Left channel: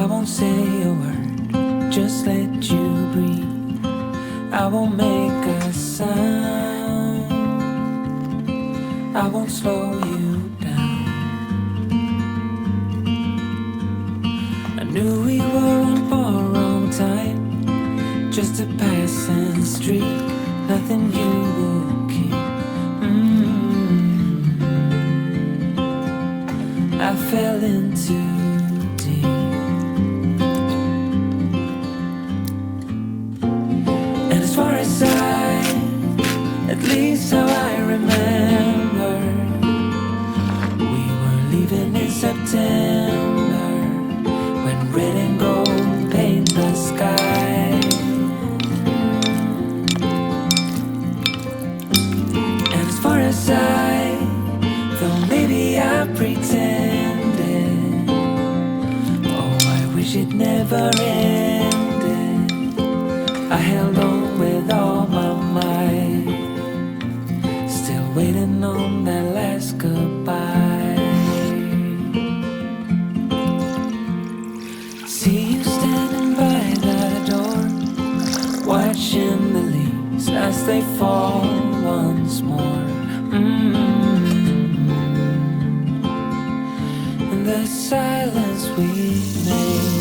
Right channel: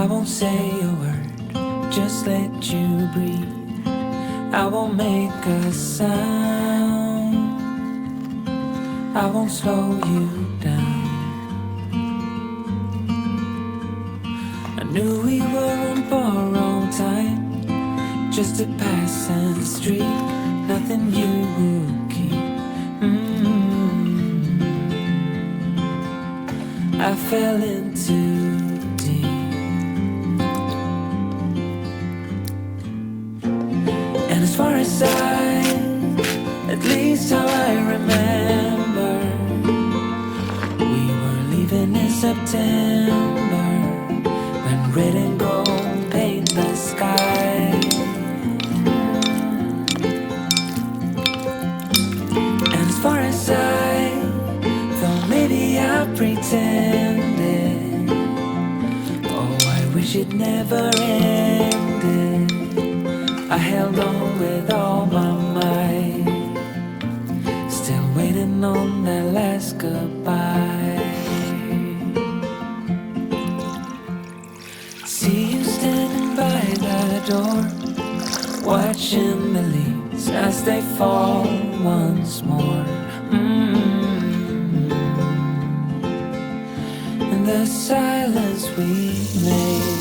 I won't say a word, just let you breathe. I won't make a sound, I won't slow you down. I knew we were on borrowed time, just a passing streak, nothing you would keep. I fell in too deep. And as far as at least how I remember, we were leaving in September, when red and gold paint the sky. And as far as though maybe I pretended, oh, I wish it never ended. I held on with all my might, still waiting on that last goodbye. See you standing by the door, watching the leaves as they fall once more. In the silence we made,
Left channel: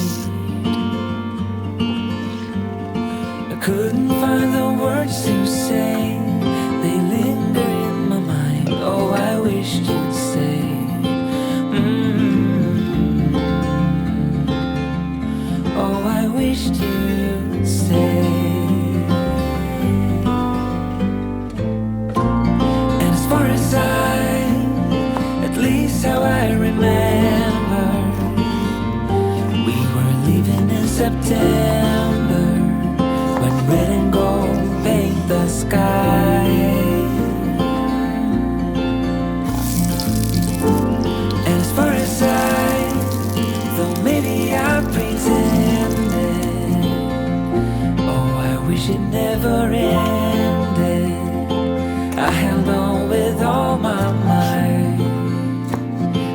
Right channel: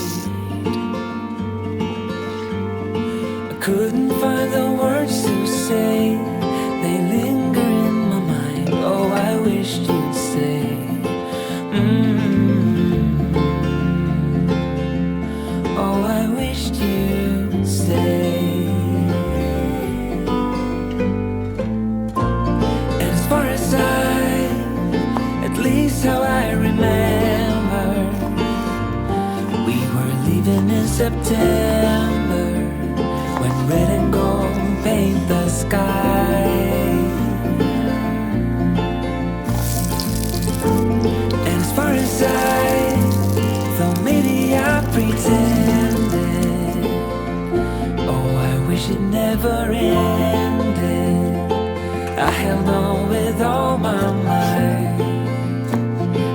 I couldn't find the words to say. They linger in my mind. Oh, I wished you'd stay. Oh, I wished you'd stay. And as far as at least how I remember, we were leaving in September, when red and gold paint the sky. And as far as though maybe I pretended, oh, I wish it never ended. I held on with all my might,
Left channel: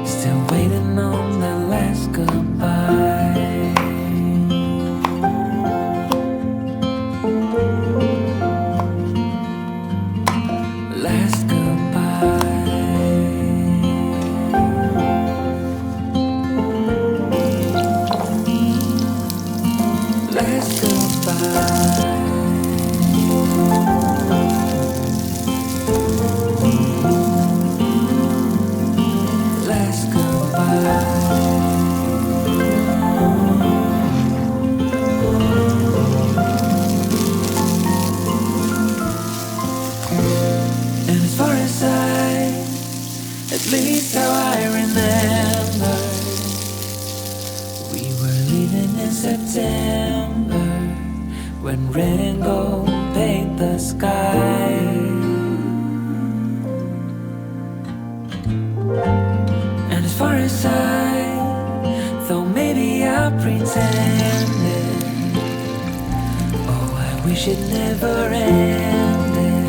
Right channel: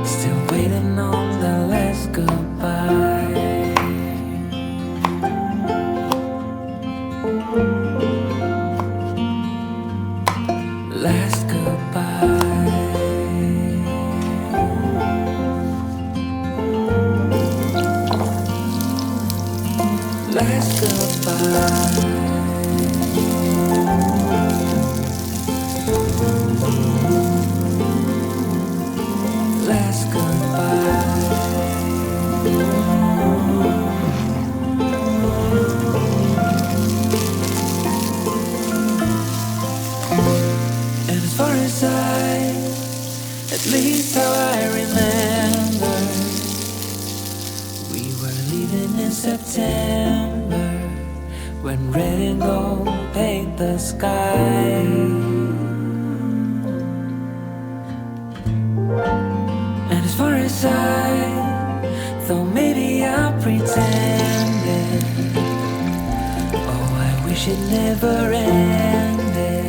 still waiting on the last goodbye. Last goodbye. Last goodbye. Last goodbye. And as far as at least how I remember, we were leaving in September, when red and gold paint the sky. And as far as though maybe I pretended, oh, I wish it never ended.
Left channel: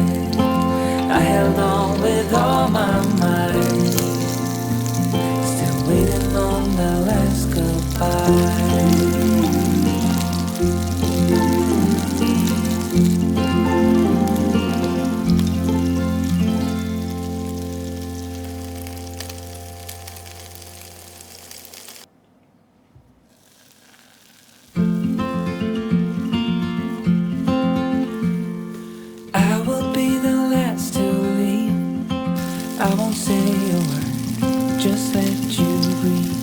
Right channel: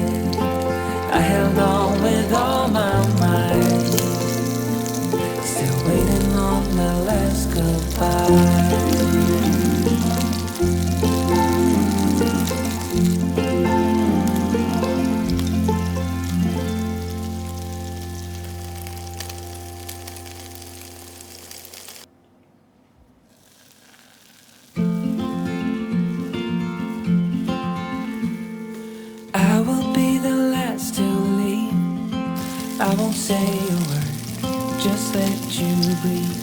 I held on with all my might, still waiting on the last goodbye. I will be the last to leave. I won't say a word, just let you breathe.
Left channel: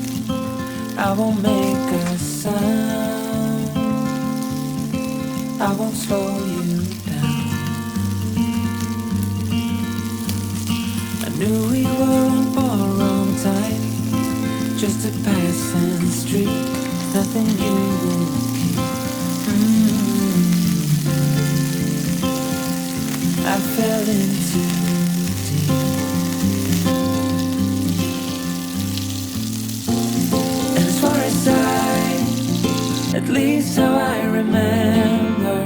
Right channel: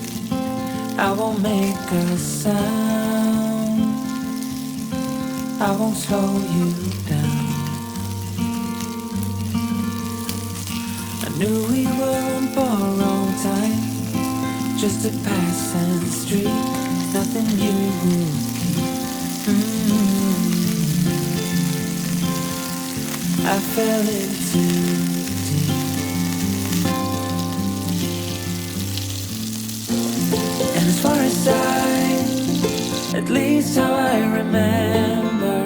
I won't make a sound, I won't slow you down. I knew we were on borrowed time, just a passing street, nothing you would keep. I fell in too deep. And as far as at least how I remember,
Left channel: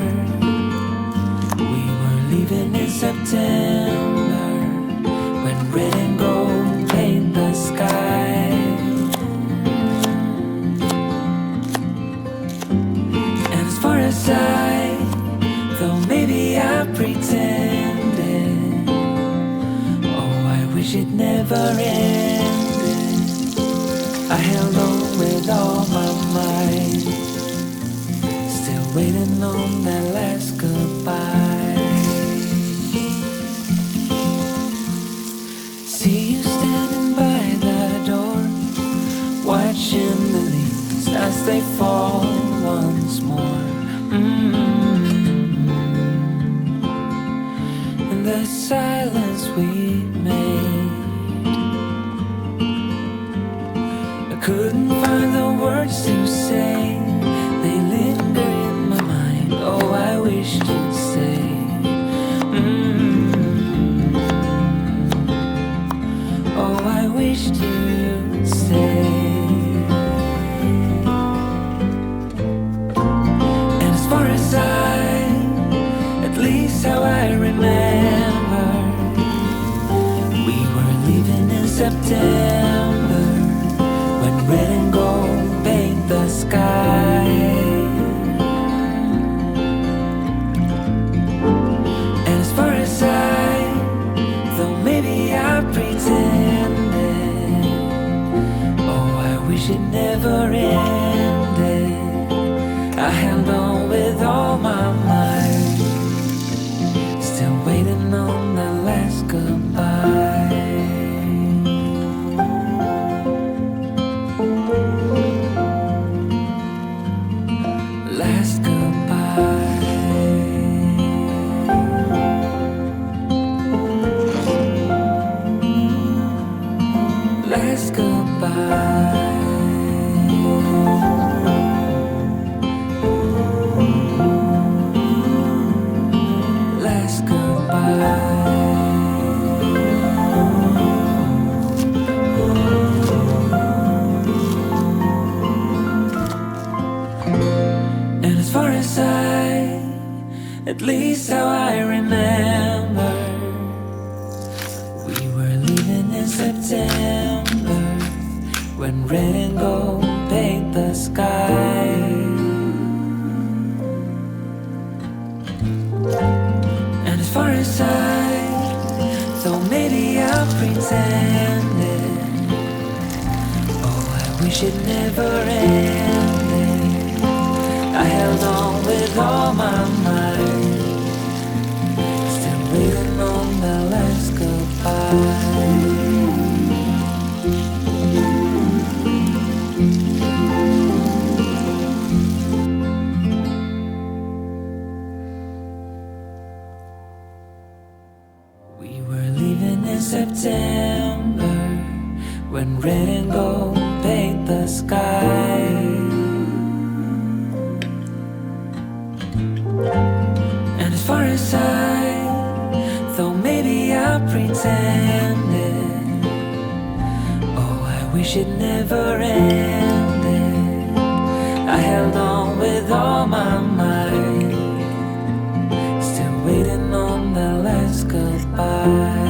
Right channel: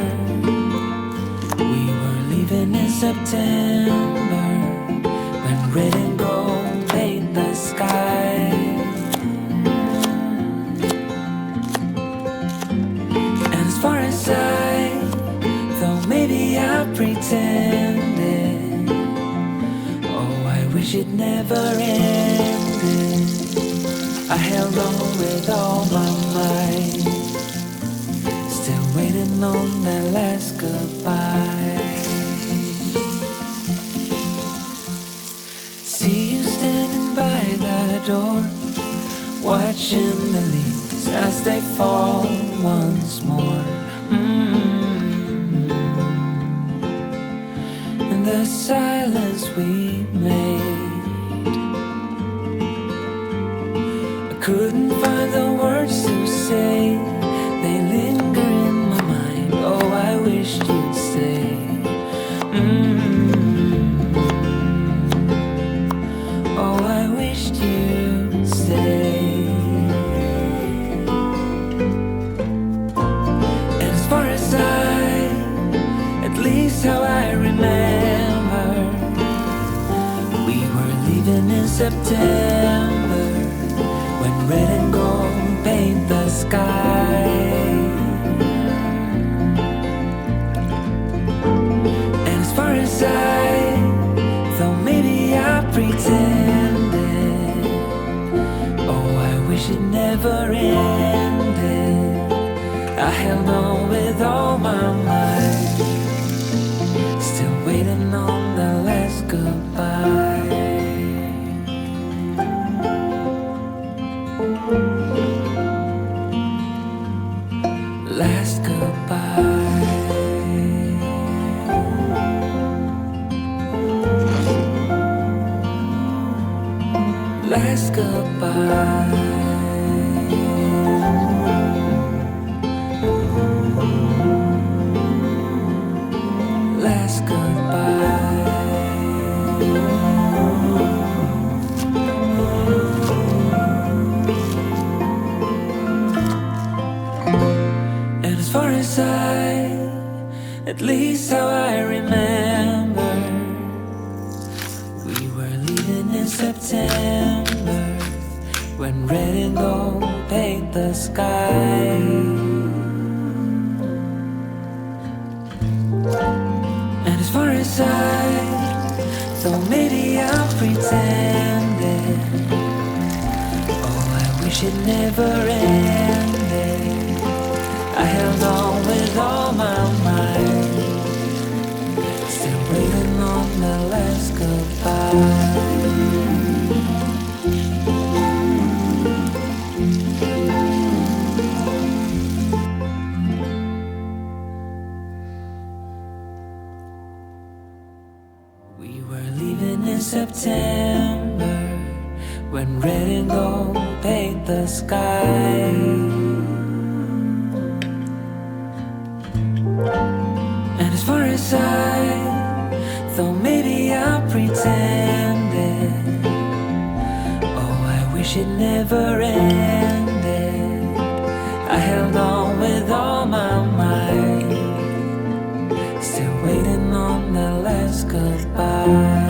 we were leaving in September, when red and gold paint the sky. wish it never ended. I held on with all my might, still waiting on that last goodbye. See you standing by the door, watching the leaves as they fall once more. In the silence we made, I couldn't find the words to say. They linger in my mind. Oh, I wished you'd stay. Oh, I wished you'd stay. And as far as at least how I remember, we were leaving in September, when red and gold paint the sky. And as far as though maybe I pretended, oh, I wish it never ended. I held on with all my might, still waiting on the last goodbye. Last goodbye. Last goodbye. Last goodbye. And as far as at least how I remember, we were leaving in September, when red and gold paint the sky. And as far as though maybe I pretended, oh, I wish it never ended. I held on with all my might, still waiting on the last goodbye. We were leaving in September, when red and gold paint the sky. And as far as though maybe I pretended, oh, I wish it never ended. I held on with all my might, still waiting on the last goodbye.